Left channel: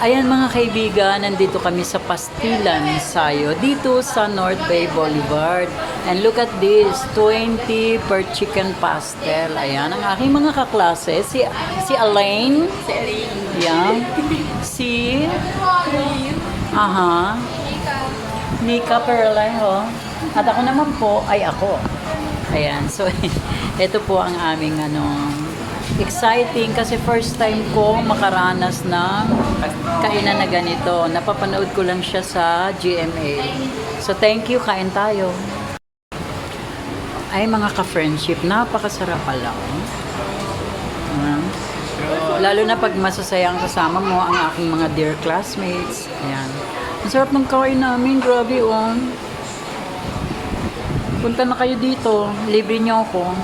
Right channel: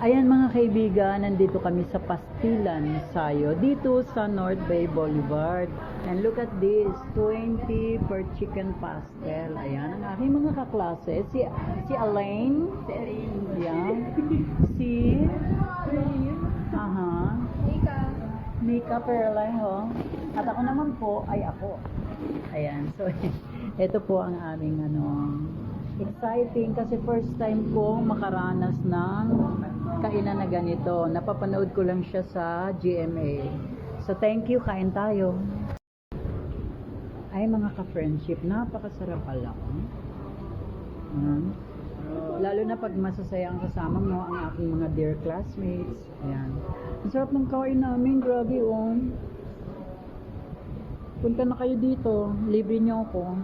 Ayan mga kaibigan, nandito kami sa Pastilan, Sayo, dito sa North Bay Boulevard. And look at this, 20 per chicken pastel. Ayan, ang aking mga kaklase, si Elaine. Si Erin. Ayan. Si, aha, Nika Perlejo. At ako naman po ay ako. Ayan, so ito po ang aming exciting kasi first time ko makaranas ng kainan na ganito. Napapanood ko lang siya sa GMA. So thank you, kain tayo. Ay mga ka-friendship, napakasarap pala. Lalo na pag masasaya ang kasama mo ang aking mga dear classmates. Ayan. Ang sarap ng kain namin, grabe oh. Punta na kayo dito, libre niyo ako.